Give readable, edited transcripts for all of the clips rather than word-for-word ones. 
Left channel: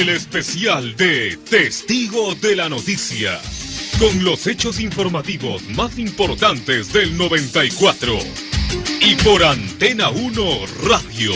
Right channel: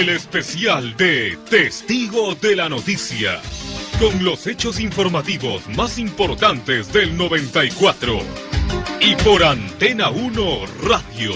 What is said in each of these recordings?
El especial de Testigo de la Noticia, con los hechos informativos más importantes del 94. Y por Antena 1 Radio.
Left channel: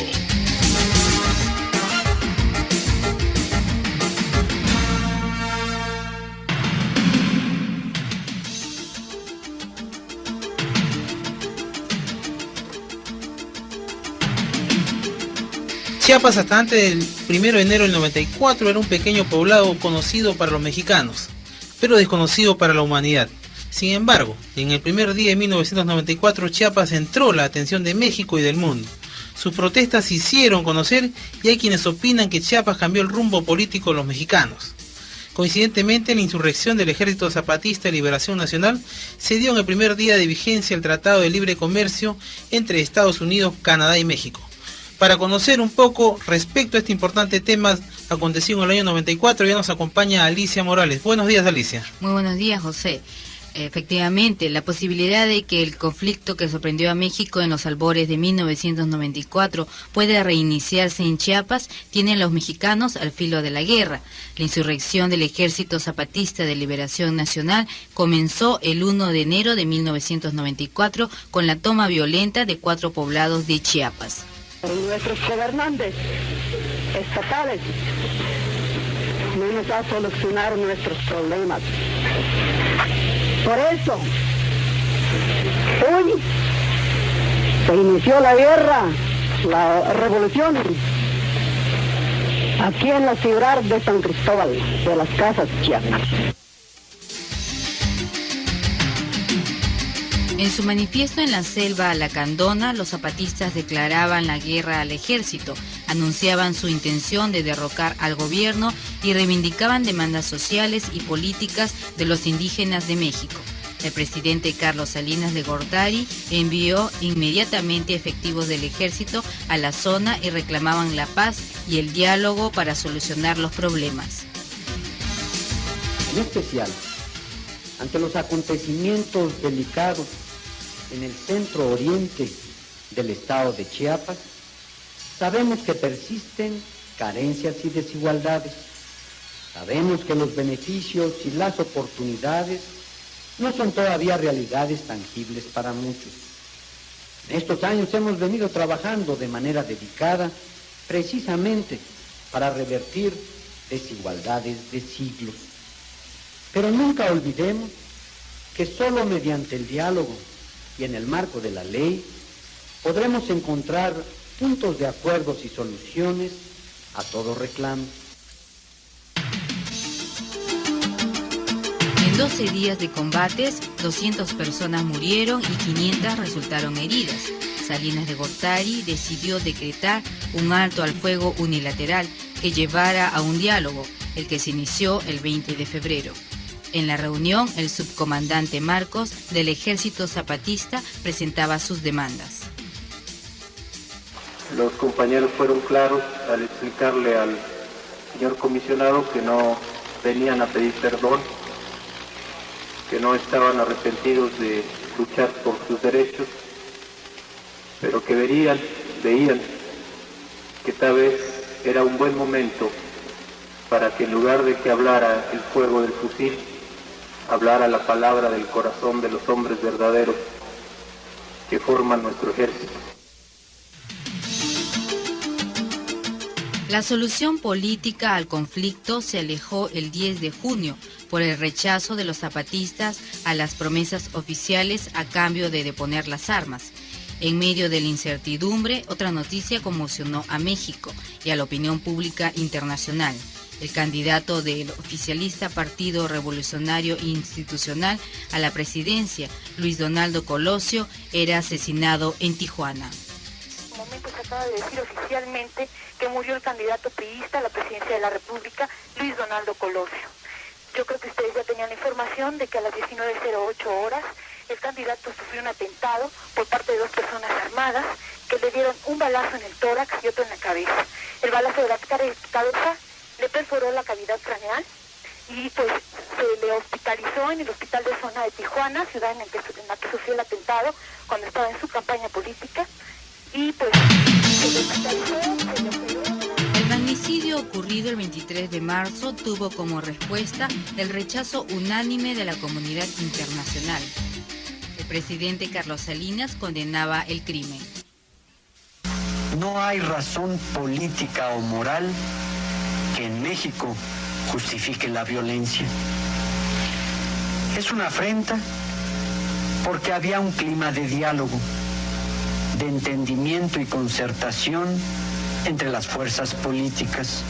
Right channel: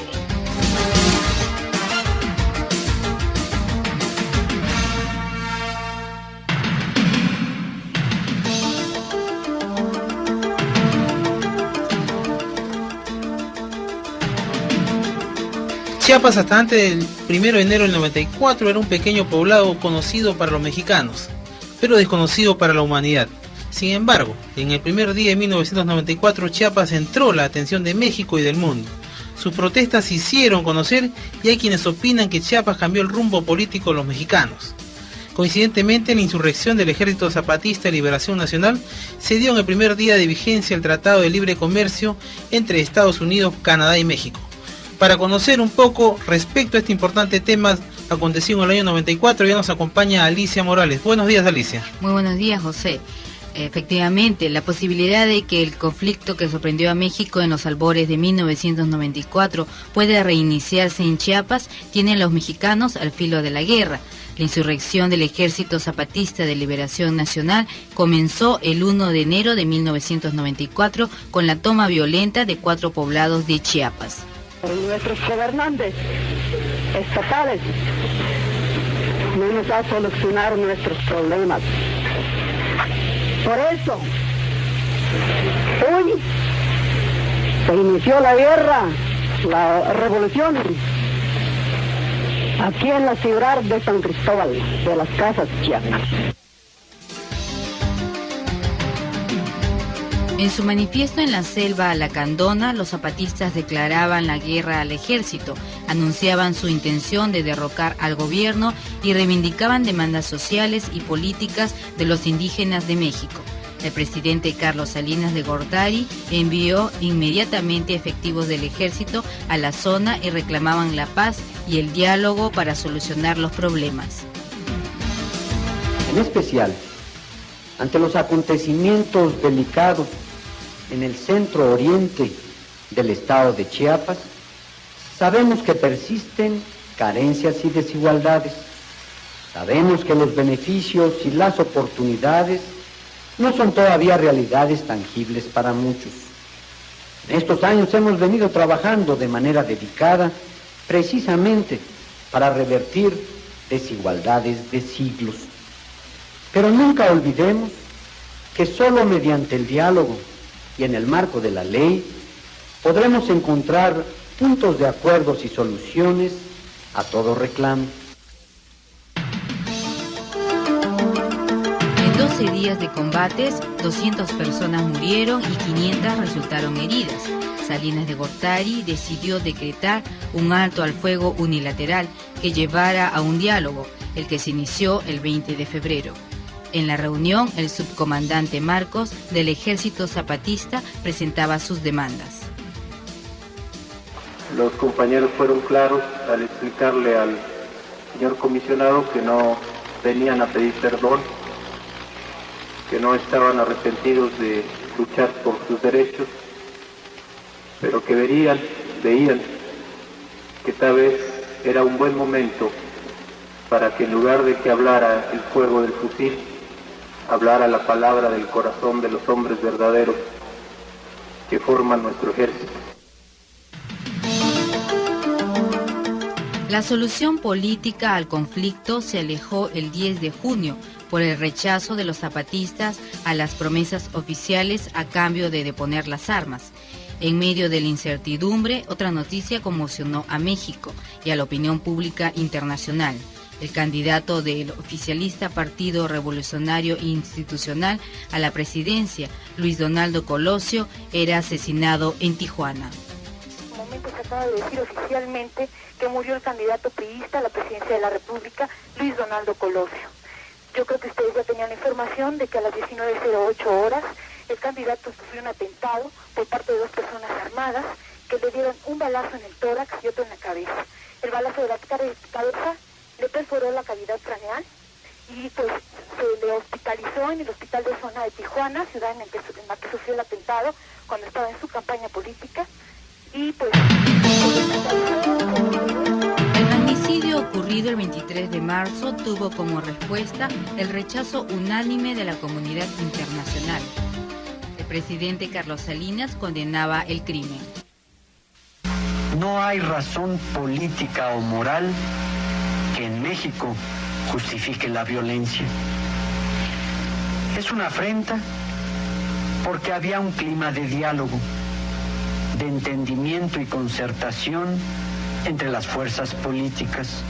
Chiapas hasta antes del 1 de enero del 94 era un pequeño poblado conocido para los mexicanos, pero desconocido para la humanidad. Sin embargo, en el primer día de 1994 Chiapas entró la atención de México y del mundo. Sus protestas se hicieron conocer y hay quienes opinan que Chiapas cambió el rumbo político de los mexicanos. Coincidentemente, la insurrección del Ejército Zapatista de Liberación Nacional se dio en el primer día de vigencia del Tratado de Libre Comercio entre Estados Unidos, Canadá y México. Para conocer un poco respecto a este importante tema acontecido en el año 94, ya nos acompaña Alicia Morales. Buenos días, Alicia. Muy buenos días, José. Efectivamente, la posibilidad de que el conflicto que sorprendió a México en los albores de 1994 pueda reiniciarse en Chiapas tienen los mexicanos al filo de la guerra. La insurrección del Ejército Zapatista de Liberación Nacional comenzó el 1 de enero de 1994 con la toma violenta de 4 poblados de Chiapas. Nuestros gobernantes estatales no nos va a solucionar nuestros problemas. Por eso, hoy se inició la guerra, la revolución, aquí en la ciudad de San Cristóbal, de las Casas, Chiapas. En su manifiesto en la selva lacandona, los zapatistas declaraban la guerra al ejército, anunciaban su intención de derrocar al gobierno y reivindicaban demandas sociales y políticas de los indígenas de México. El presidente Carlos Salinas de Gortari envió inmediatamente efectivos del ejército a la zona y reclamaban la paz y el diálogo para solucionar los problemas. En especial, ante los acontecimientos delicados en el centro oriente del estado de Chiapas, sabemos que persisten carencias y desigualdades. Sabemos que los beneficios y las oportunidades no son todavía realidades tangibles para muchos. En estos años hemos venido trabajando de manera dedicada precisamente para revertir desigualdades de siglos. Pero nunca olvidemos que solo mediante el diálogo y en el marco de la ley podremos encontrar puntos de acuerdos y soluciones a todo reclamo. En 12 días de combates, 200 personas murieron y 500 resultaron heridas. Salinas de Gortari decidió decretar un alto al fuego unilateral que llevara a un diálogo, el que se inició el 20 de febrero. En la reunión, el subcomandante Marcos del Ejército Zapatista presentaba sus demandas. Los compañeros fueron claros al explicarle al señor comisionado que no venían a pedir perdón, que no estaban arrepentidos de luchar por sus derechos, pero que veían que tal vez era un buen momento para que en lugar de que hablara el fuego del fusil, hablara la palabra del corazón de los hombres verdaderos que forman nuestro ejército. La solución política al conflicto se alejó el 10 de junio por el rechazo de los zapatistas a las promesas oficiales a cambio de deponer las armas. En medio de la incertidumbre, otra noticia conmocionó a México y a la opinión pública internacional. El candidato del oficialista Partido Revolucionario Institucional a la presidencia, Luis Donaldo Colosio, era asesinado en Tijuana. En momento se acaba de decir oficialmente que murió el candidato priista a la presidencia de la República, Luis Donaldo Colosio. Yo creo que ustedes ya tenían la información de que a las 19:08 horas el candidato sufrió un atentado por parte de 2 personas armadas que le dieron un balazo en el tórax y otro en la cabeza. El balazo de la cabeza le perforó la cavidad craneal y pues se le hospitalizó en el hospital de zona de Tijuana, ciudad en la que sufrió el atentado cuando estaba en su campaña política, y pues se le hospitalizó. El magnicidio ocurrido del 23 de marzo tuvo como respuesta el rechazo unánime de la comunidad internacional. El presidente Carlos Salinas condenaba el crimen. No hay razón política o moral que en México justifique la violencia. Es una afrenta porque había un clima de diálogo, de entendimiento y concertación entre las fuerzas políticas.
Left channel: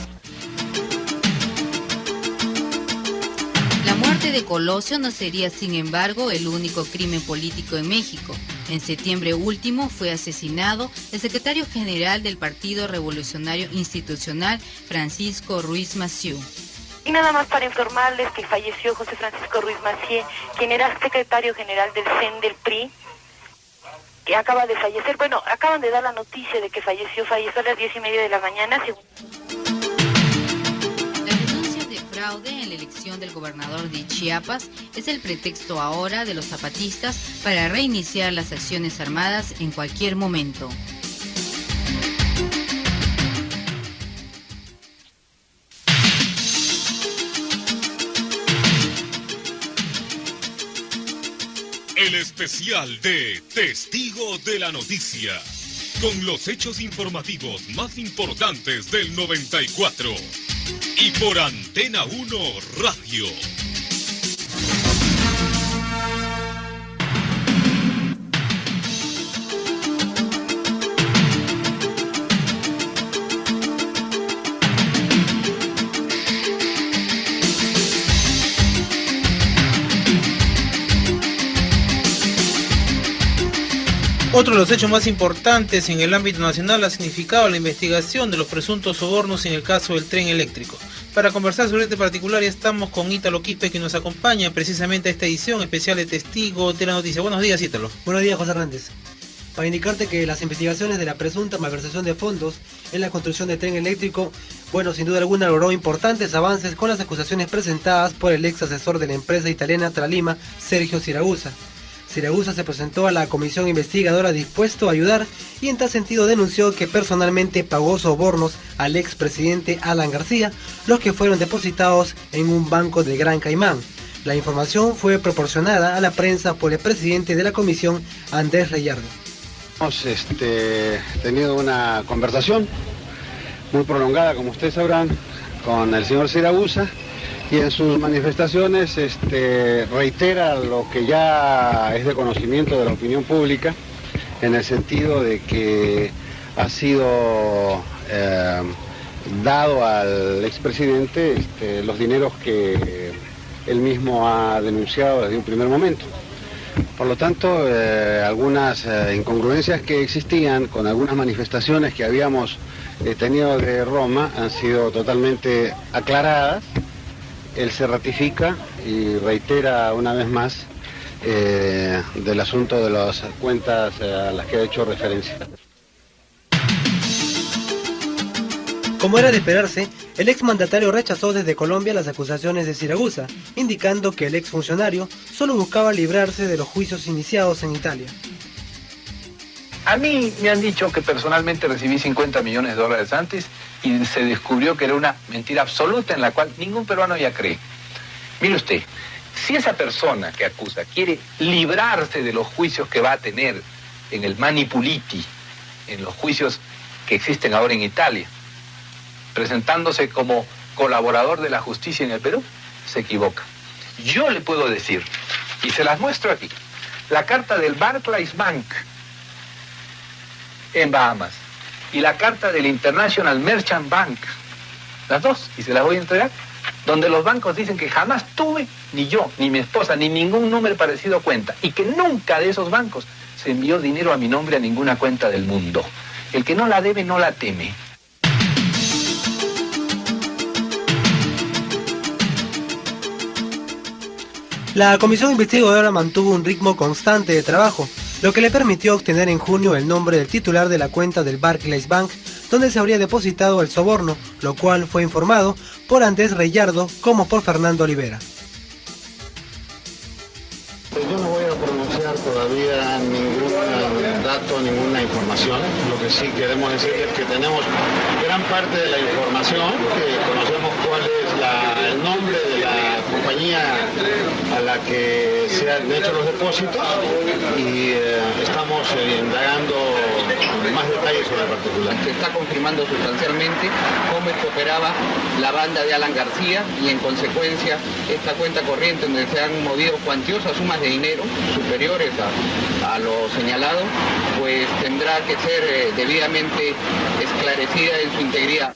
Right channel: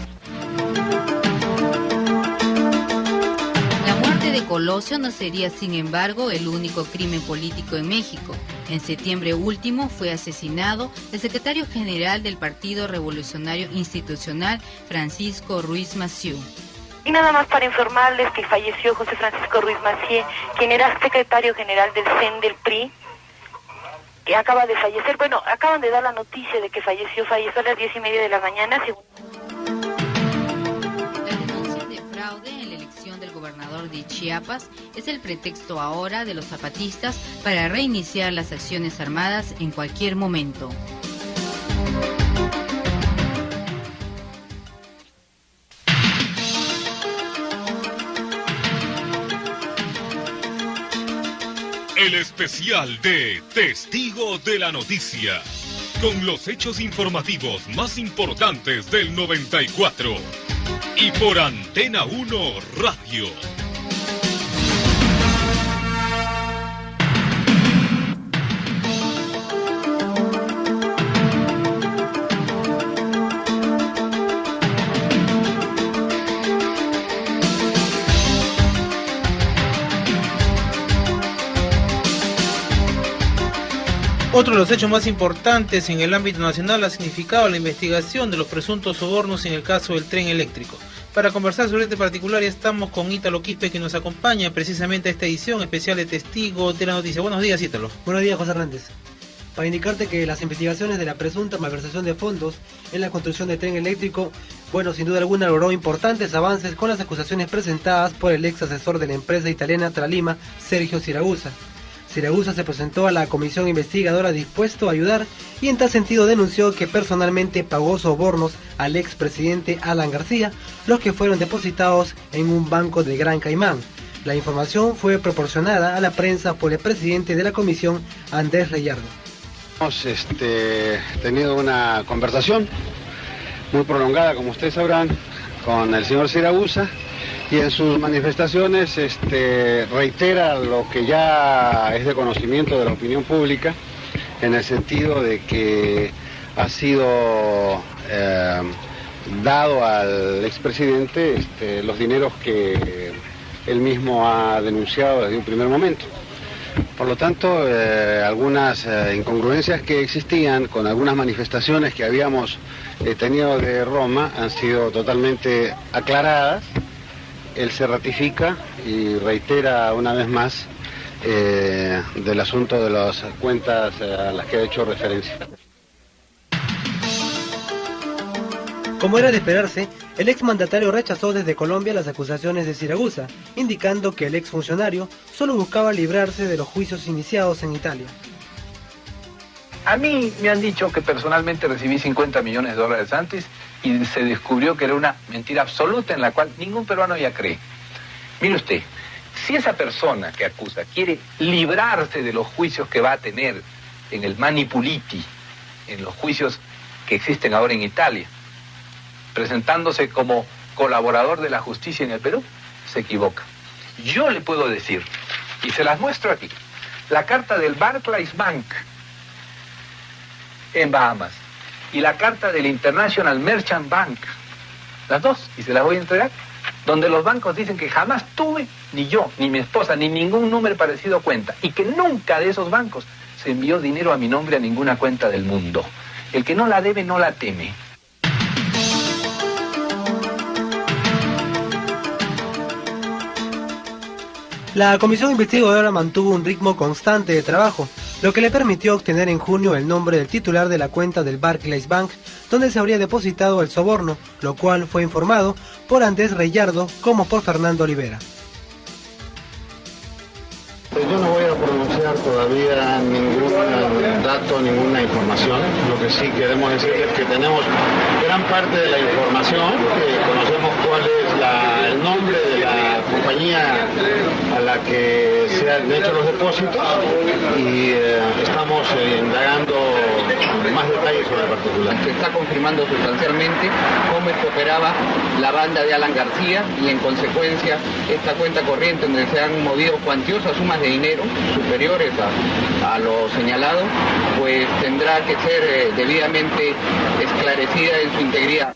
La muerte de Colosio no sería, sin embargo, el único crimen político en México. En septiembre último fue asesinado el secretario general del Partido Revolucionario Institucional, Francisco Ruiz Massieu. Y nada más para informarles que falleció José Francisco Ruiz Massieu, quien era secretario general del CEN del PRI, que acaba de fallecer. Bueno, acaban de dar la noticia de que falleció a las 10:30 de la mañana. La denuncia de fraude en la elección del gobernador de Chiapas es el pretexto ahora de los zapatistas para reiniciar las acciones armadas en cualquier momento. El especial de Testigo de la Noticia, con los hechos informativos más importantes del 94. Y por Antena 1 Radio. Otro de los hechos más importantes en el ámbito nacional ha significado la investigación de los presuntos sobornos en el caso del tren eléctrico. Para conversar sobre este particular estamos con Ítalo Quispe, que nos acompaña precisamente a esta edición especial de Testigo de la Noticia. Buenos días, Ítalo. Buenos días, José Hernández. Para indicarte que las investigaciones de la presunta malversación de fondos en la construcción del tren eléctrico, sin duda alguna logró importantes avances con las acusaciones presentadas por el ex asesor de la empresa italiana Tralima, Sergio Siragusa. Siragusa se presentó a la comisión investigadora dispuesto a ayudar y en tal sentido denunció que personalmente pagó sobornos al expresidente Alan García, los que fueron depositados en un banco de Gran Caimán. La información fue proporcionada a la prensa por el presidente de la comisión, Andrés Reyardo. Hemos tenido una conversación muy prolongada, como ustedes sabrán, con el señor Siragusa, y en sus manifestaciones reitera lo que ya es de conocimiento de la opinión pública, en el sentido de que ha sido dado al expresidente los dineros que él mismo ha denunciado desde un primer momento. Por lo tanto, algunas incongruencias que existían con algunas manifestaciones que habíamos tenido de Roma han sido totalmente aclaradas. Él se ratifica y reitera una vez más del asunto de las cuentas a las que ha hecho referencia. Como era de esperarse, el exmandatario rechazó desde Colombia las acusaciones de Siragusa, indicando que el exfuncionario solo buscaba librarse de los juicios iniciados en Italia. A mí me han dicho que personalmente recibí $50 millones antes y se descubrió que era una mentira absoluta en la cual ningún peruano ya cree. Mire usted, si esa persona que acusa quiere librarse de los juicios que va a tener en el Mani Puliti, en los juicios que existen ahora en Italia, presentándose como colaborador de la justicia en el Perú, se equivoca. Yo le puedo decir, y se las muestro aquí, la carta del Barclays Bank en Bahamas y la carta del International Merchant Bank, las dos, y se las voy a entregar, donde los bancos dicen que jamás tuve, ni yo, ni mi esposa, ni ningún número parecido a cuenta, y que nunca de esos bancos se envió dinero a mi nombre a ninguna cuenta del mundo. El que no la debe, no la teme. La comisión investigadora mantuvo un ritmo constante de trabajo, lo que le permitió obtener en junio el nombre del titular de la cuenta del Barclays Bank, donde se habría depositado el soborno, lo cual fue informado por Andrés Reyardo como por Fernando Olivera. Yo no voy a pronunciar todavía ningún dato, ninguna información. Lo que sí queremos decir es que tenemos gran parte de la información que conocemos compañía a la que se han hecho los depósitos y estamos indagando más detalles sobre el particular. Se está confirmando sustancialmente cómo es que operaba la banda de Alan García y en consecuencia esta cuenta corriente donde se han movido cuantiosas sumas de dinero superiores a lo señalado, pues tendrá que ser debidamente esclarecida en su integridad.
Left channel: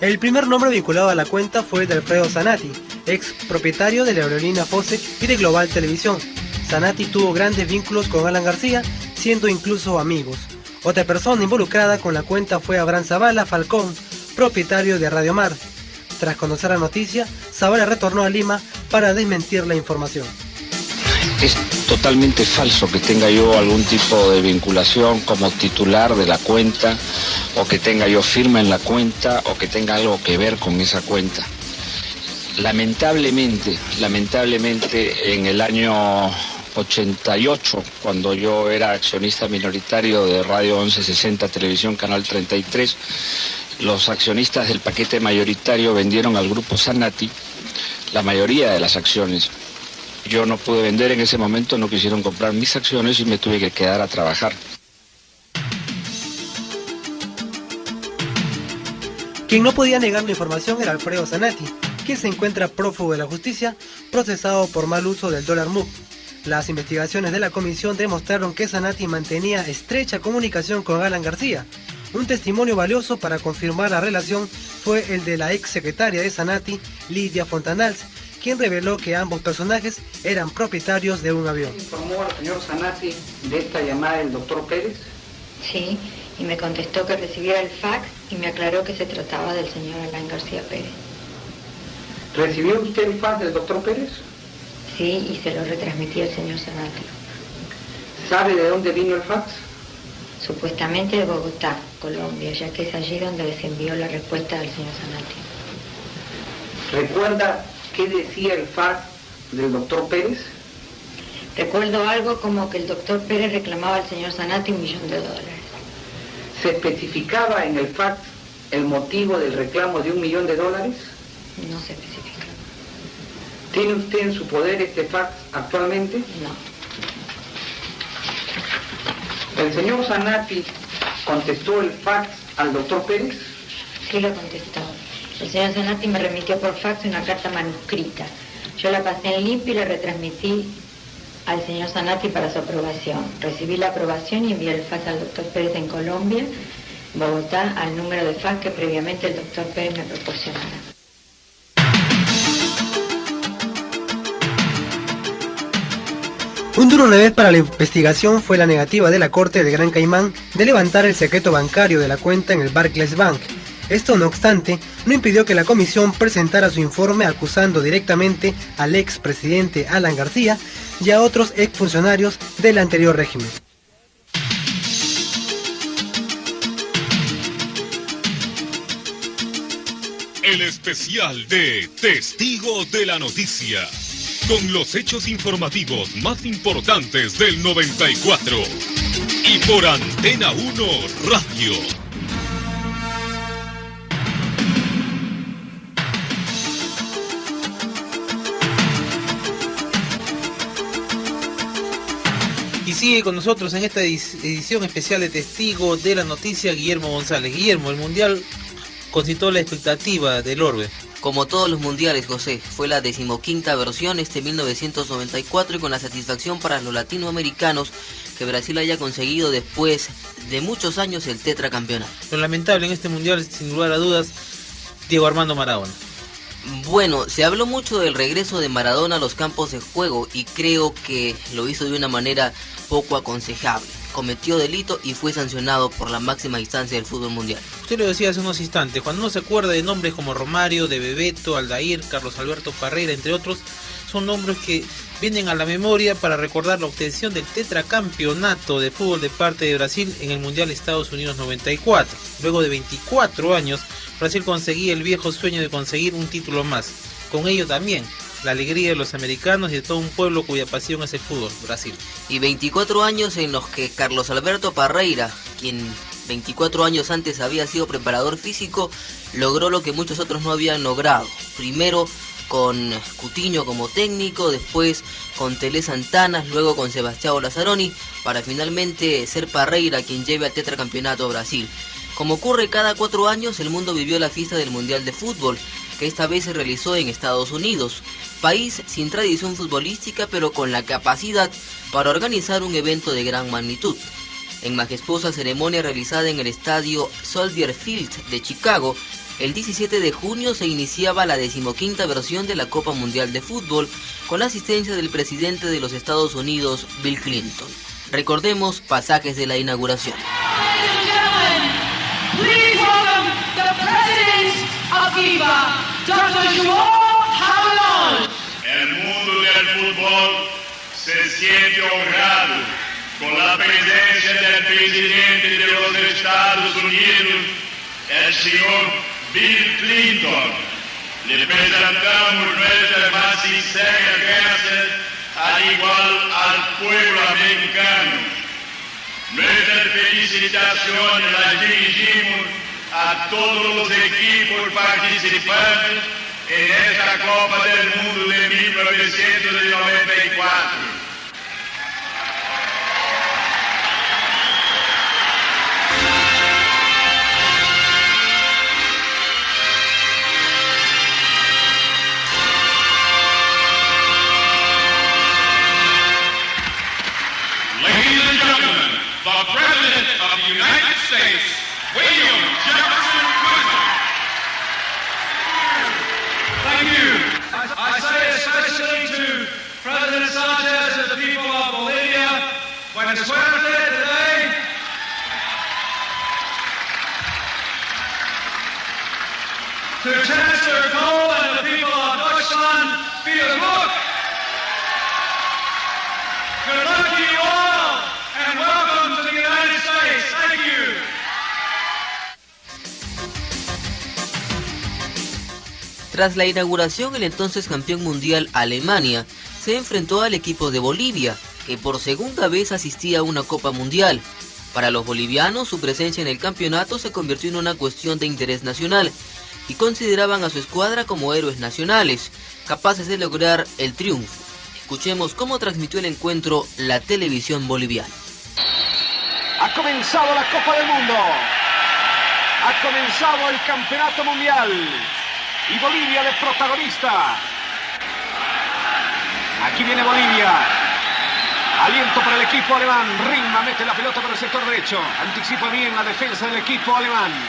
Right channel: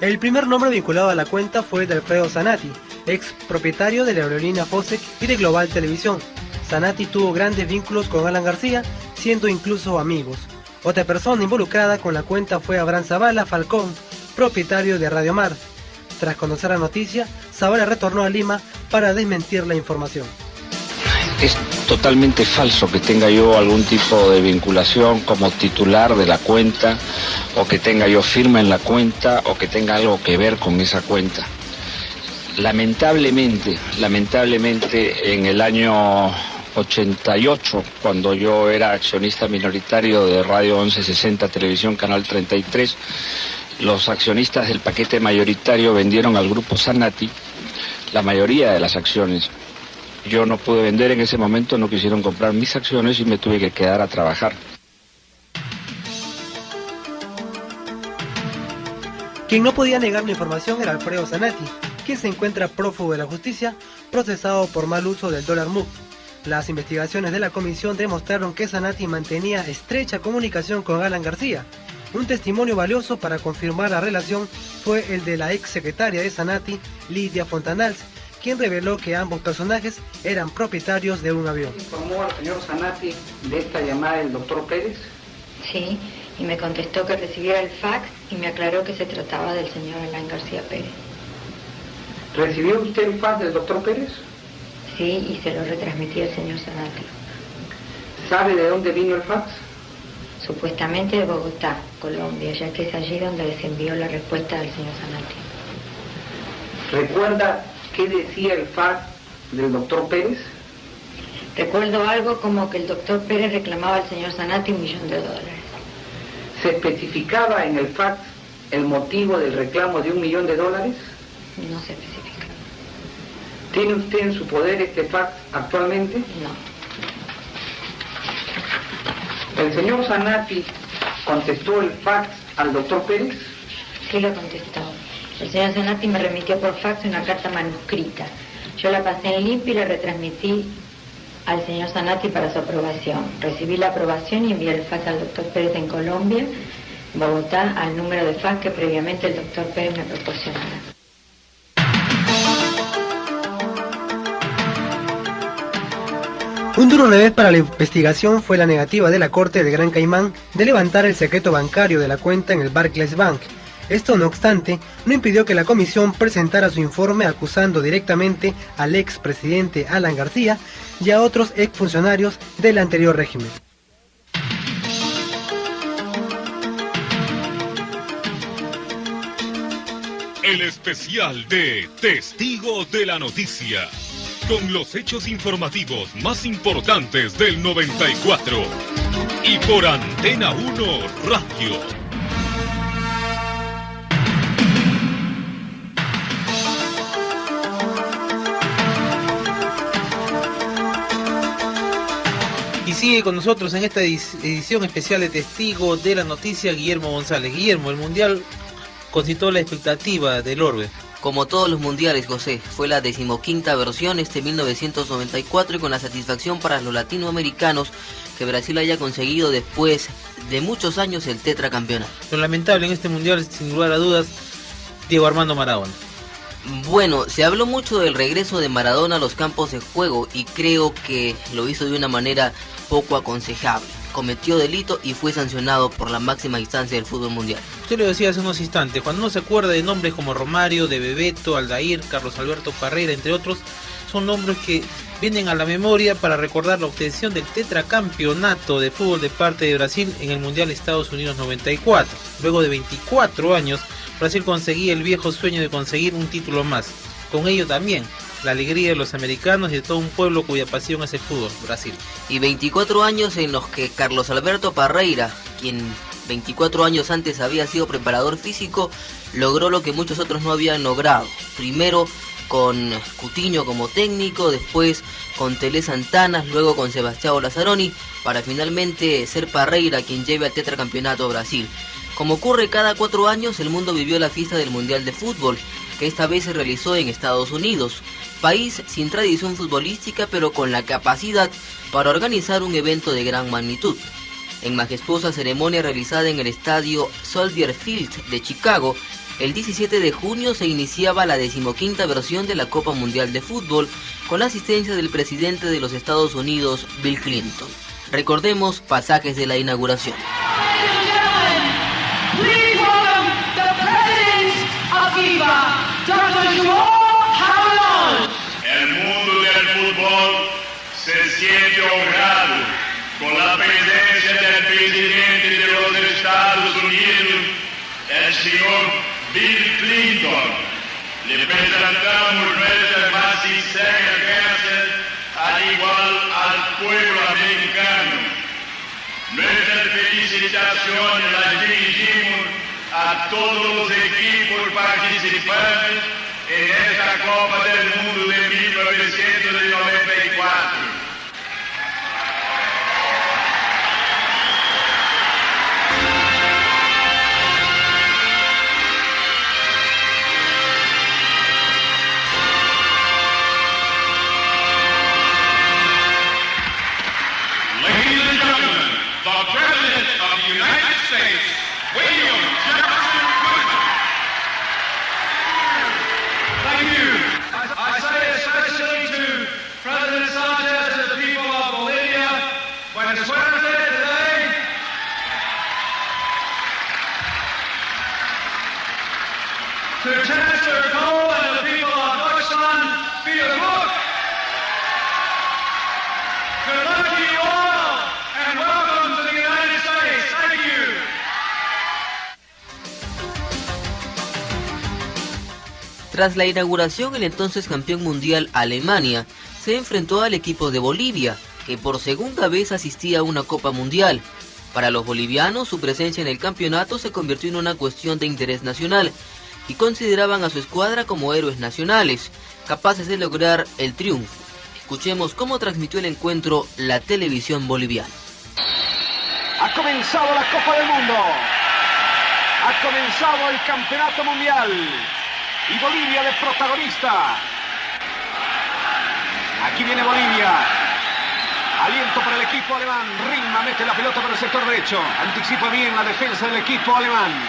El primer nombre vinculado a la cuenta fue de Alfredo Zanatti, ex propietario de la aerolínea Fossett y de Global Televisión. Zanatti tuvo grandes vínculos con Alan García, siendo incluso amigos. Otra persona involucrada con la cuenta fue Abraham Zavala Falcón, propietario de Radio Mar. Tras conocer la noticia, Zavala retornó a Lima para desmentir la información. Es totalmente falso que tenga yo algún tipo de vinculación como titular de la cuenta, o que tenga yo firma en la cuenta, o que tenga algo que ver con esa cuenta. Lamentablemente, en el año 88, cuando yo era accionista minoritario de Radio 1160, Televisión Canal 33, los accionistas del paquete mayoritario vendieron al grupo Zanatti la mayoría de las acciones. Yo no pude vender en ese momento, no quisieron comprar mis acciones y me tuve que quedar a trabajar. Quien no podía negar la información era Alfredo Zanatti, quien se encuentra prófugo de la justicia, procesado por mal uso del dólar MUC. Las investigaciones de la comisión demostraron que Zanatti mantenía estrecha comunicación con Alan García. Un testimonio valioso para confirmar la relación fue el de la ex secretaria de Zanatti, Lidia Fontanals, quien reveló que ambos personajes eran propietarios de un avión. ¿Informó al señor Zanatti de esta llamada del doctor Pérez? Sí, y me contestó que recibía el fax y me aclaró que se trataba del señor Alan García Pérez. ¿Recibió usted el fax del doctor Pérez? Sí, y se lo retransmití al señor Zanatti. ¿Sabe de dónde vino el fax? Supuestamente de Bogotá, Colombia, ya que es allí donde les envió la respuesta del señor Zanatti. ¿Recuerda qué decía el fax del doctor Pérez? Recuerdo algo como que el doctor Pérez reclamaba al señor Zanatti $1 millón. ¿Se especificaba en el fax el motivo del reclamo de $1 millón? No se especifica. ¿Tiene usted en su poder este fax actualmente? No. ¿El señor Zanatti contestó el fax al doctor Pérez? Sí lo contestó. El señor Zanatti me remitió por fax una carta manuscrita. Yo la pasé en limpio y la retransmití al señor Zanatti para su aprobación. Recibí la aprobación y envié el fax al doctor Pérez en Colombia, Bogotá, al número de fax que previamente el doctor Pérez me proporcionara. Un duro revés para la investigación fue la negativa de la Corte del Gran Caimán de levantar el secreto bancario de la cuenta en el Barclays Bank. Esto, no obstante, no impidió que la comisión presentara su informe acusando directamente al expresidente Alan García y a otros exfuncionarios del anterior régimen. El especial de Testigo de la Noticia, con los hechos informativos más importantes del 94 y por Antena 1 Radio. Y sigue con nosotros en esta edición especial de Testigo de la Noticia Guillermo González. Guillermo, el Mundial concitó la expectativa del orbe. Como todos los mundiales, José, fue la 15ª versión 1994 y con la satisfacción para los latinoamericanos que Brasil haya conseguido después de muchos años el tetracampeonato. Lo lamentable en este mundial, sin lugar a dudas, Diego Armando Maradona. Bueno, se habló mucho del regreso de Maradona a los campos de juego y creo que lo hizo de una manera poco aconsejable. Cometió delito y fue sancionado por la máxima instancia del fútbol mundial. Usted lo decía hace unos instantes, cuando uno se acuerda de nombres como Romario, de Bebeto, Aldair, Carlos Alberto Parreira, entre otros, son nombres que vienen a la memoria para recordar la obtención del tetracampeonato de fútbol de parte de Brasil en el Mundial Estados Unidos 94. Luego de 24 años, Brasil conseguía el viejo sueño de conseguir un título más. Con ello también la alegría de los americanos y de todo un pueblo cuya pasión es el fútbol, Brasil. Y 24 años en los que Carlos Alberto Parreira, quien 24 años antes había sido preparador físico, logró lo que muchos otros no habían logrado. Primero con Coutinho como técnico, después con Tele Santana, luego con Sebastião Lazzaroni, para finalmente ser Parreira quien lleve al tetracampeonato a Brasil. Como ocurre cada 4 años, el mundo vivió la fiesta del Mundial de Fútbol, que esta vez se realizó en Estados Unidos, país sin tradición futbolística pero con la capacidad para organizar un evento de gran magnitud. En majestuosa ceremonia realizada en el estadio Soldier Field de Chicago, el 17 de junio se iniciaba la 15ª versión de la Copa Mundial de Fútbol con la asistencia del presidente de los Estados Unidos, Bill Clinton. Recordemos pasajes de la inauguración. El mundo del fútbol se siente honrado con la presencia del presidente de los Estados Unidos, el señor Bill Clinton. Le presentamos nuestras más sinceras gracias, al igual al pueblo americano. Nuestras felicitaciones las dirigimos a todos los equipos participantes en esta Copa del Mundo de 1994. Ladies and gentlemen, the President of the United States, William Jefferson Woodruff. Thank you. I say especially to President Sanchez and the people of Bolivia, buenas suerte today. To Chancellor Kohl and the people of Deutschland, vielen Dank. Good luck to you all, and welcome to the United States. Thank you. Tras la inauguración, el entonces campeón mundial Alemania se enfrentó al equipo de Bolivia, que por segunda vez asistía a una Copa Mundial. Para los bolivianos, su presencia en el campeonato se convirtió en una cuestión de interés nacional y consideraban a su escuadra como héroes nacionales, capaces de lograr el triunfo. Escuchemos cómo transmitió el encuentro la televisión boliviana. Ha comenzado la Copa del Mundo. Ha comenzado el Campeonato Mundial. Y Bolivia de protagonista. Aquí viene Bolivia. Aliento para el equipo alemán. Rimma mete la pelota por el sector derecho. Anticipa bien la defensa del equipo alemán.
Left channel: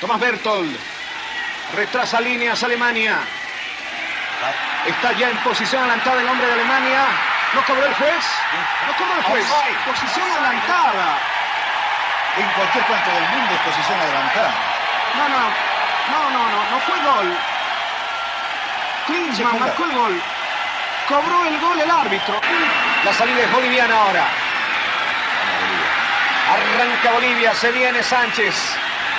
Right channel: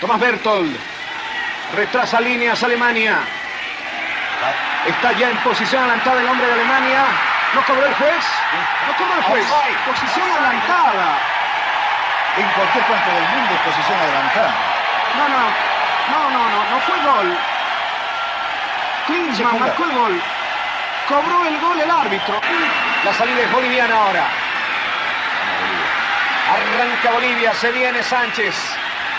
Tomás Berthold. Retrasa líneas Alemania. Está ya en posición adelantada el hombre de Alemania. ¿No cobró el juez? No cobró el juez. Posición adelantada. En cualquier parte del mundo es posición adelantada. No fue gol. Klinsmann marcó el gol. Cobró el gol el árbitro. La salida es boliviana ahora. Arranca Bolivia, se viene Sánchez.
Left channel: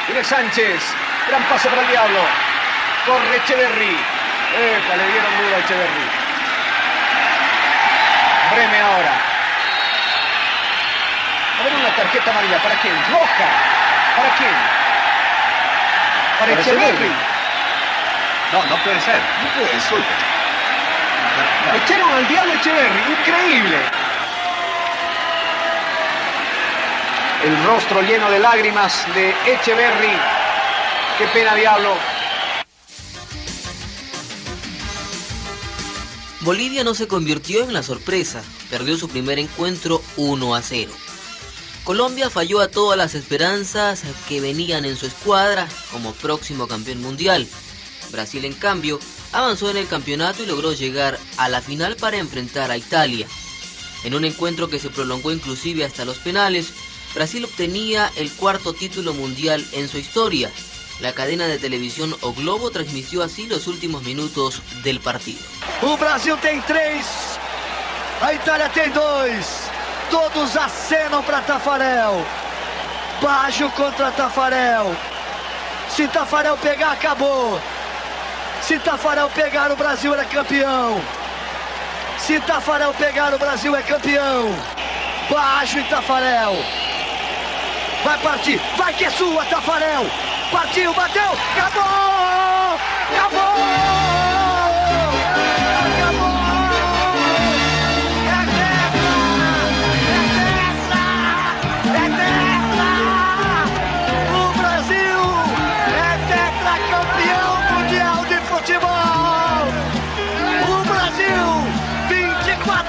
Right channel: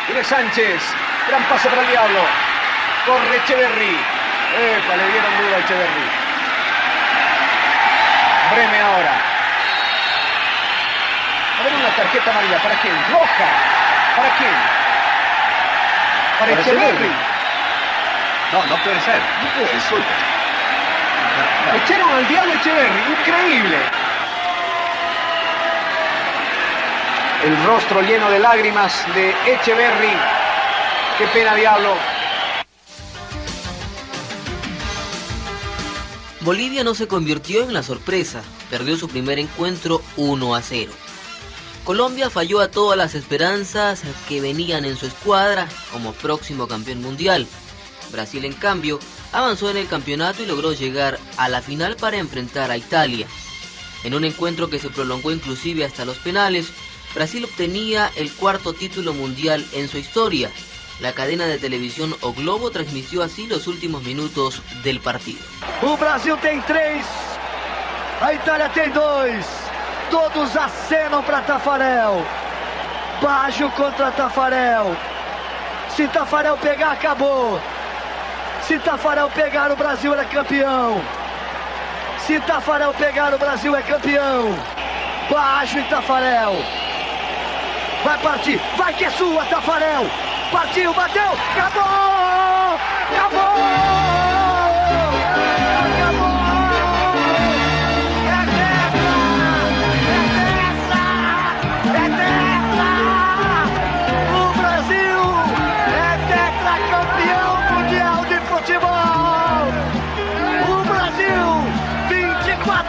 Viene Sánchez. Gran pase para el Diablo. Corre Echeverri. Le dieron duro a Echeverri. Breme ahora. A ver una tarjeta amarilla. ¿Para quién? Roja. ¿Para quién? Para Echeverri. No puede ser. No puede ser. Echaron al Diablo Echeverri. Increíble. El rostro lleno de lágrimas de Echeverri. Qué pena, Diablo. Bolivia no se convirtió en la sorpresa, perdió su primer encuentro 1-0. Colombia falló a todas las esperanzas que venían en su escuadra como próximo campeón mundial. Brasil, en cambio, avanzó en el campeonato y logró llegar a la final para enfrentar a Italia. En un encuentro que se prolongó inclusive hasta los penales, Brasil obtenía el 4º título mundial en su historia. La cadena de televisión O Globo transmitió así los últimos minutos del partido. O Brasil tem 3, a Itália tem 2. Todos acenam para Tafarel. Baggio contra Tafarel. Se Tafarel pegar, acabou. Se Tafarel pegar, o Brasil é campeão. Se Tafarel pegar, o Brasil é campeão. Baggio e Tafarel. vai partir, vai que é sua, Tafarel! Partiu, bateu, acabou! Acabou!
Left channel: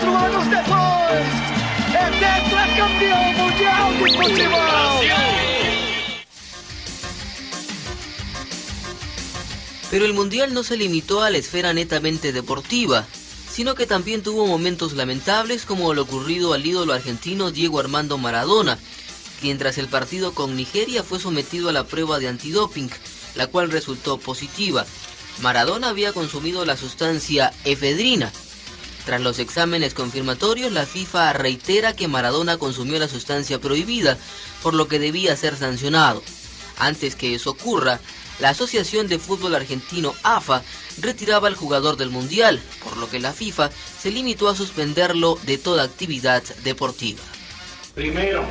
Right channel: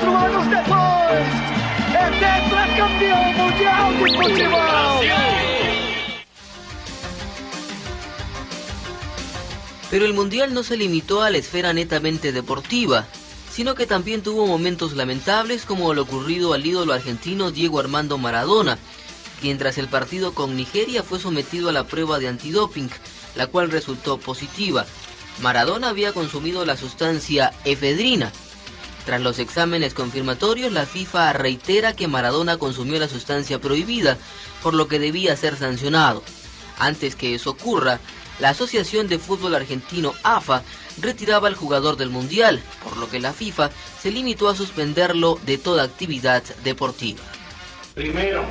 Anos depois, é tetracampeão mundial de futebol. Pero el Mundial no se limitó a la esfera netamente deportiva, sino que también tuvo momentos lamentables como lo ocurrido al ídolo argentino Diego Armando Maradona, quien tras el partido con Nigeria fue sometido a la prueba de antidoping, la cual resultó positiva. Maradona había consumido la sustancia efedrina. Tras los exámenes confirmatorios, la FIFA reitera que Maradona consumió la sustancia prohibida, por lo que debía ser sancionado. Antes que eso ocurra, la Asociación de Fútbol Argentino, AFA, retiraba al jugador del Mundial, por lo que la FIFA se limitó a suspenderlo de toda actividad deportiva. Primero,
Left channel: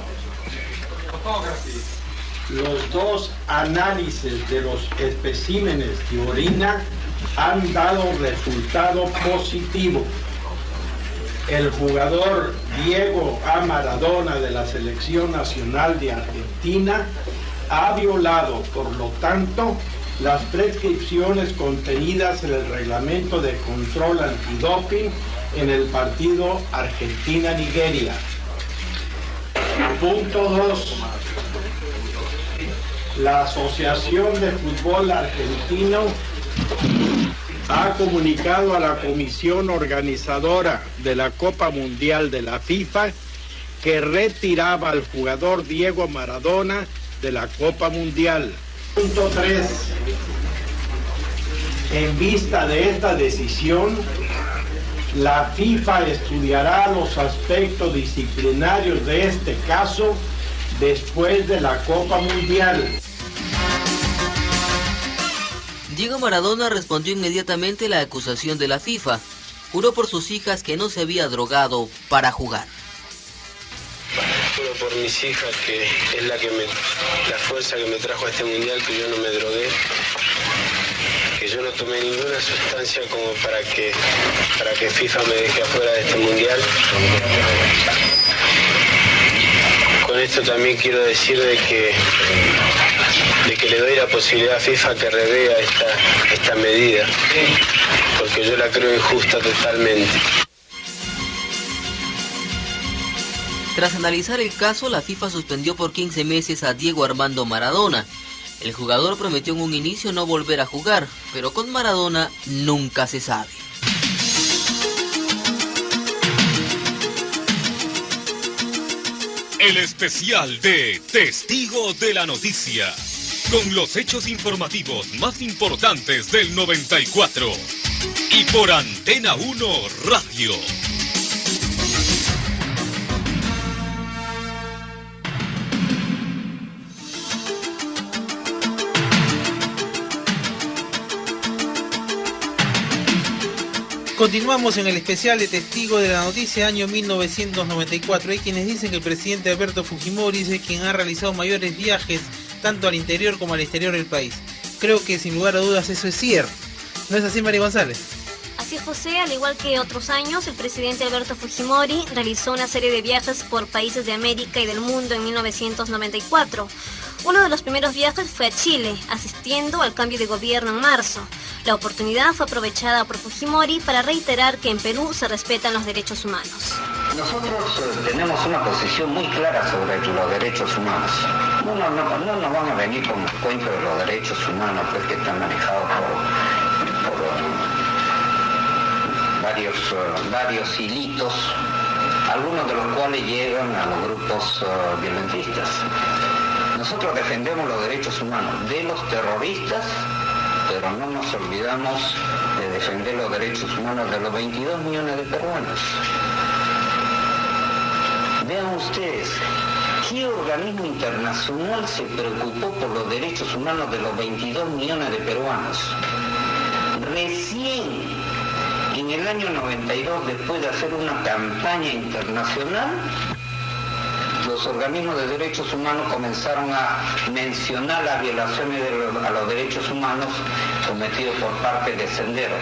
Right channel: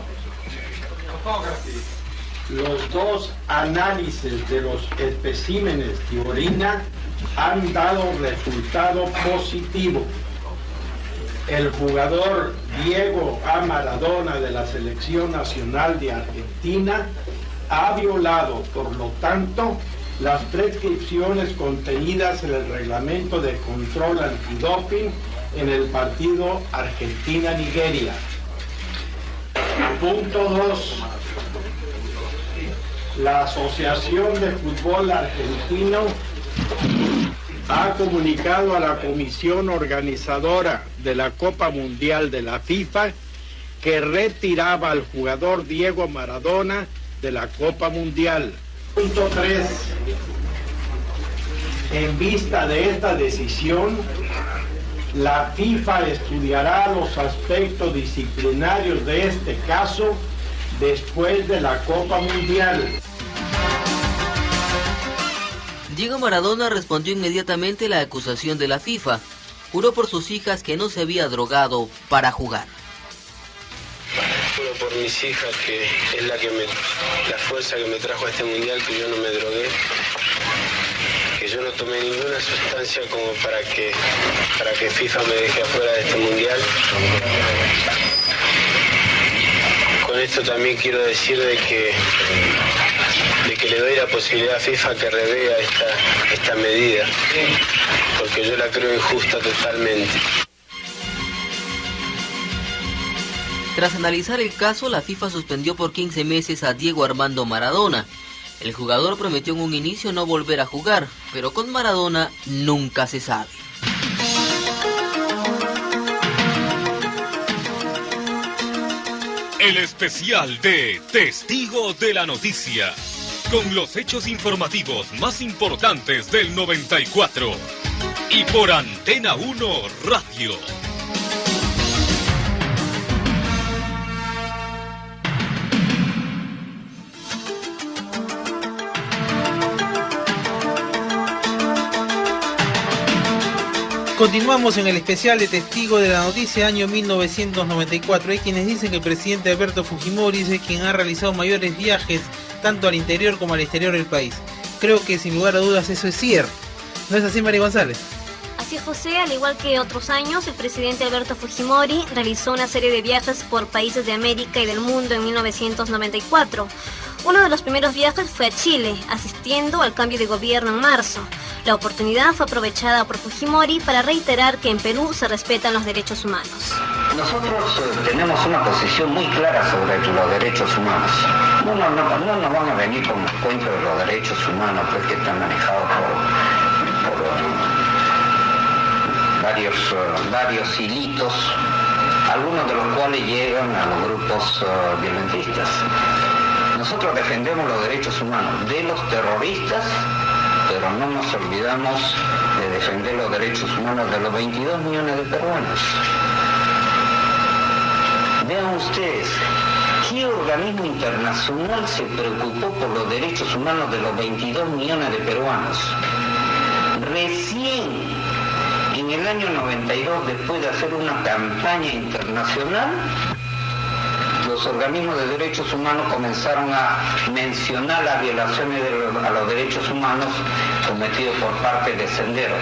los dos análisis de los especímenes de orina han dado resultado positivo. El jugador Diego A. Maradona de la Selección Nacional de Argentina ha violado, por lo tanto, las prescripciones contenidas en el reglamento de control antidoping en el partido Argentina-Nigeria. Punto 2. La Asociación de Fútbol Argentino ha comunicado a la comisión organizadora de la Copa Mundial de la FIFA que retiraba al jugador Diego Maradona de la Copa Mundial. Punto 3. En vista de esta decisión, la FIFA estudiará los aspectos disciplinarios de este caso después de la Copa Mundial. Diego Maradona respondió inmediatamente a la acusación de la FIFA. Juró por sus hijas que no se había drogado para jugar. Juro por mis hijas que es la fuerza que me trajo a este mundial, que yo no me drogué, que yo no tomé ninguna sustancia como para que FIFA me deje afuera de este mundial. Con esto también quiero decir de que le doy la posibilidad a FIFA que revea esta medida, porque yo la creo injusta totalmente. Tras analizar el caso, la FIFA suspendió por 15 meses a Diego Armando Maradona. El jugador prometió en un inicio no volver a jugar, pero con Maradona nunca se sabe. El especial de Testigo de la Noticia, con los hechos informativos más importantes del 94. Y por Antena 1 Radio. Continuamos en el especial de Testigo de la Noticia, año 1994. Hay quienes dicen que el presidente Alberto Fujimori es quien ha realizado mayores viajes tanto al interior como al exterior del país. Creo que sin lugar a dudas eso es cierto. ¿No es así, María González? Así, José, al igual que otros años, el presidente Alberto Fujimori realizó una serie de viajes por países de América y del mundo en 1994. Uno de los primeros viajes fue a Chile, asistiendo al cambio de gobierno en marzo. La oportunidad fue aprovechada por Fujimori para reiterar que en Perú se respetan los derechos humanos. Nosotros tenemos una posición muy clara sobre los derechos humanos. No nos van a venir con los cuentos de los derechos humanos que están manejados por varios hilitos, algunos de los cuales llegan a los grupos violentistas. Nosotros defendemos los derechos humanos de los terroristas, pero no nos olvidamos de defender los derechos humanos de los 22 millones de peruanos. Vean ustedes, ¿qué organismo internacional se preocupó por los derechos humanos de los 22 millones de peruanos? Recién en el año 92, después de hacer una campaña internacional, los los organismos de derechos humanos comenzaron a mencionar las violaciones a los derechos humanos cometidos por parte de Senderos.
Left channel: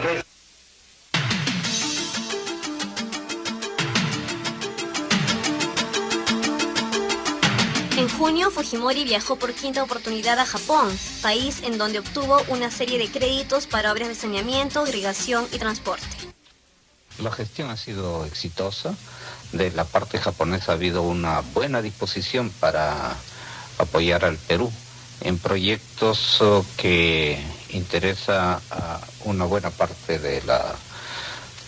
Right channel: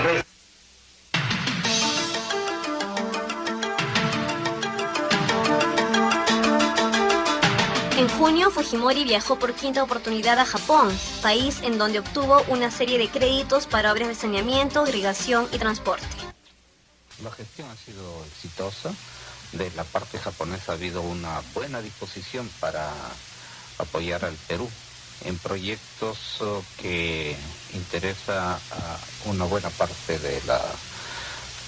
En junio, Fujimori viajó por quinta oportunidad a Japón, país en donde obtuvo una serie de créditos para obras de saneamiento, irrigación y transporte. La gestión ha sido exitosa. De la parte japonesa ha habido una buena disposición para apoyar al Perú en proyectos que interesa a una buena parte de la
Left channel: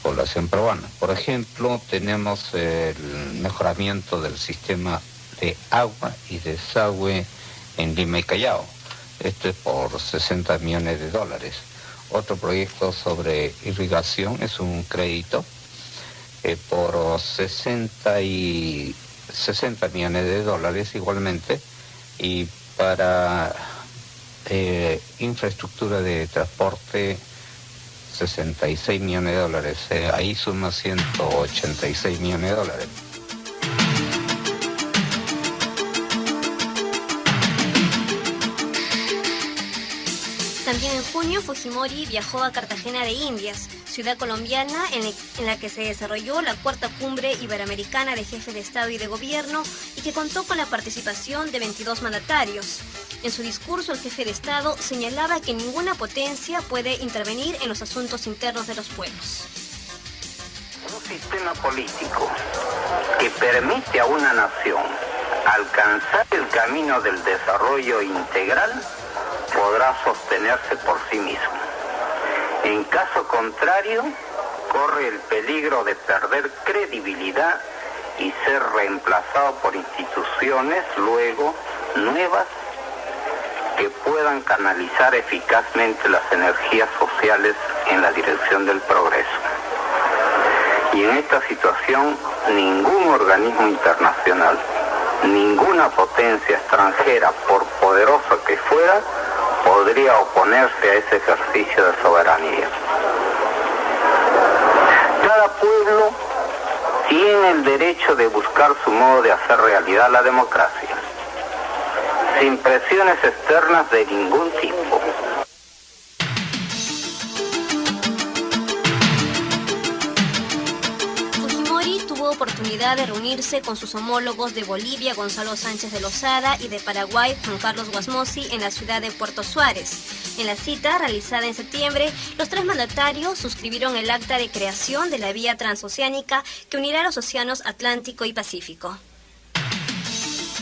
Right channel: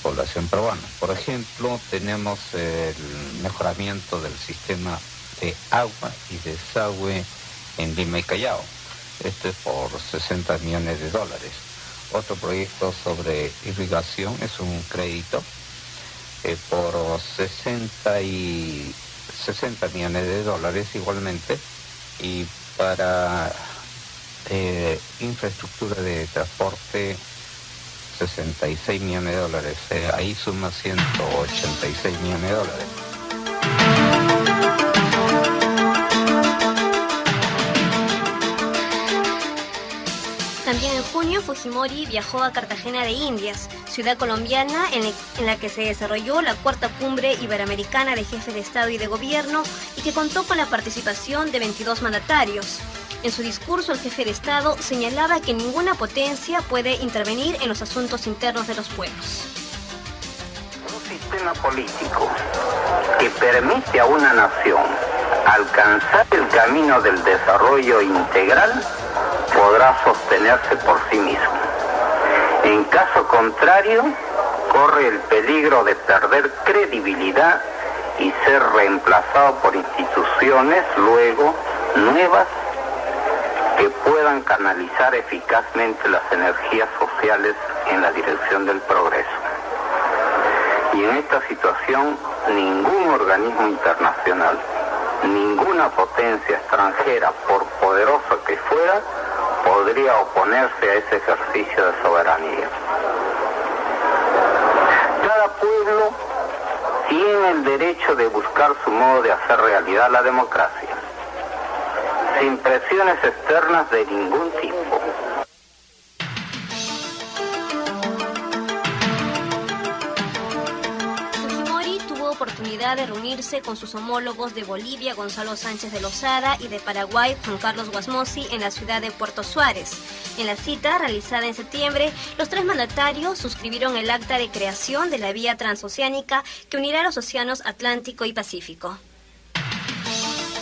población peruana. Por ejemplo, tenemos el mejoramiento del sistema de agua y desagüe en Lima y Callao. Esto es por $60 millones. Otro proyecto sobre irrigación es un crédito por 60 millones igualmente, y para infraestructura de transporte $66 millones. Ahí suma $186 millones. También en junio, Fujimori viajó a Cartagena de Indias, ciudad colombiana en la que se desarrolló la cuarta cumbre iberoamericana de jefes de Estado y de Gobierno y que contó con la participación de 22 mandatarios. En su discurso, el jefe de Estado señalaba que ninguna potencia puede intervenir en los asuntos internos de los pueblos. Un sistema político que permite a una nación alcanzar el camino del desarrollo integral podrá sostenerse por sí mismo. En caso contrario, corre el peligro de perder credibilidad y ser reemplazado por instituciones luego nuevas que puedan canalizar eficazmente las energías sociales en la dirección del progreso. Y en esta situación, ningún organismo internacional, ninguna potencia extranjera, por poderosa que fuera, podría oponerse a ese ejercicio de soberanía. Cada pueblo tiene el derecho de buscar su modo de hacer realidad la democracia, sin presiones externas de ningún tipo. Fujimori tuvo oportunidad de reunirse con sus homólogos de Bolivia, Gonzalo Sánchez de Lozada, y de Paraguay, Juan Carlos Guasmosi, en la ciudad de Puerto Suárez. En la cita, realizada en septiembre, los tres mandatarios suscribieron el acta de creación de la vía transoceánica que unirá los océanos Atlántico y Pacífico.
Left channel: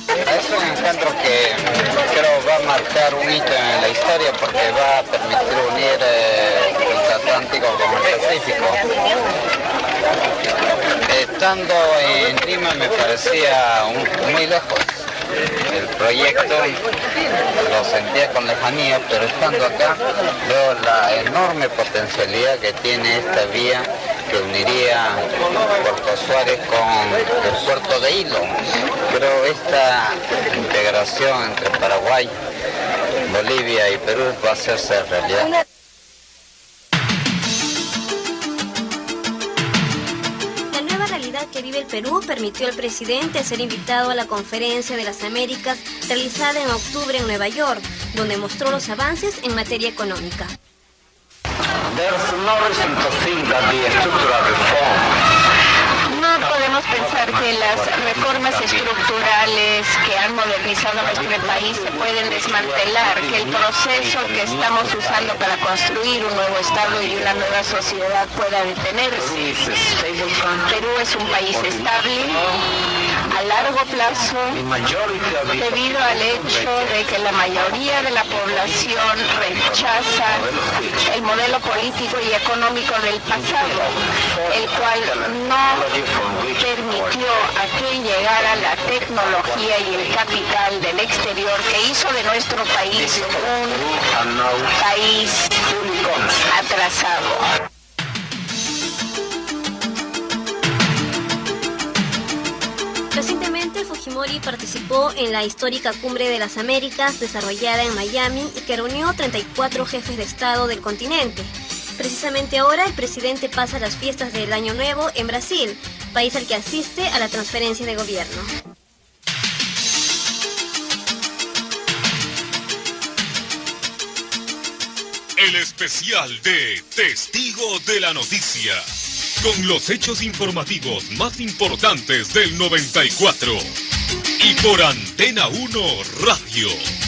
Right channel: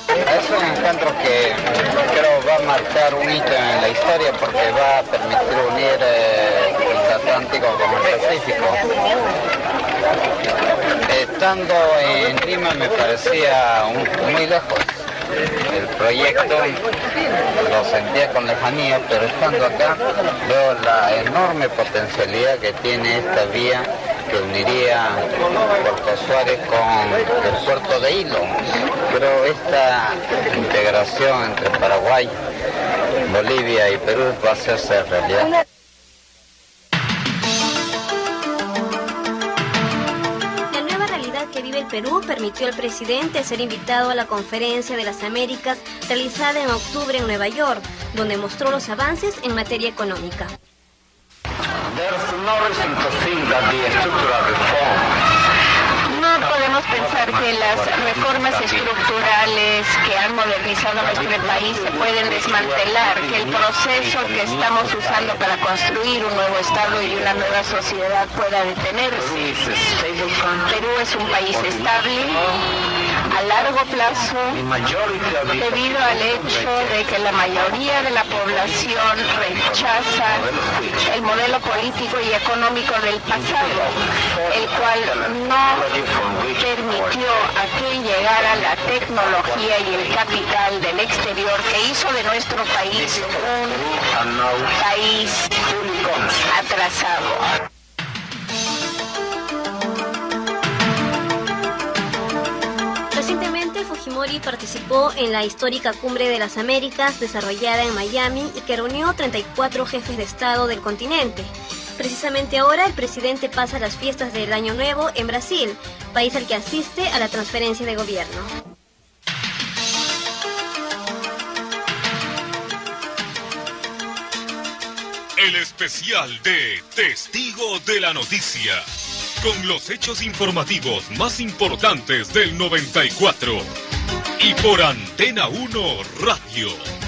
Es un encuentro que creo va a marcar un hito en la historia porque va a permitir unir el Atlántico con el Pacífico. Estando en Lima me parecía muy lejos. El proyecto lo sentía con lejanía, pero estando acá veo la enorme potencialidad que tiene esta vía que uniría Puerto Suárez con el puerto de Hilo. Pero esta integración entre Paraguay, Bolivia y Perú va a hacerse realidad. Que vive el Perú permitió al presidente ser invitado a la Conferencia de las Américas realizada en octubre en Nueva York, donde mostró los avances en materia económica. No podemos pensar que las reformas estructurales que han modernizado nuestro país se pueden desmantelar, que el proceso que estamos usando para construir un nuevo Estado y una nueva sociedad pueda detenerse. Perú es un país estable, a largo plazo, debido al hecho de que la mayoría de la población rechaza el modelo político y económico del pasado, el cual no permitió a que llegara la tecnología y el capital del exterior que hizo de nuestro país un país atrasado. Recientemente, Fujimori participó en la histórica Cumbre de las Américas desarrollada en Miami y que reunió 34 jefes de Estado del continente. Precisamente ahora, el presidente pasa las fiestas del Año Nuevo en Brasil, país al que asiste a la transferencia de gobierno. El especial de Testigo de la Noticia, con los hechos informativos más importantes del 94. Y por Antena 1 Radio.